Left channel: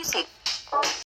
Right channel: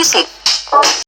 พิเศษ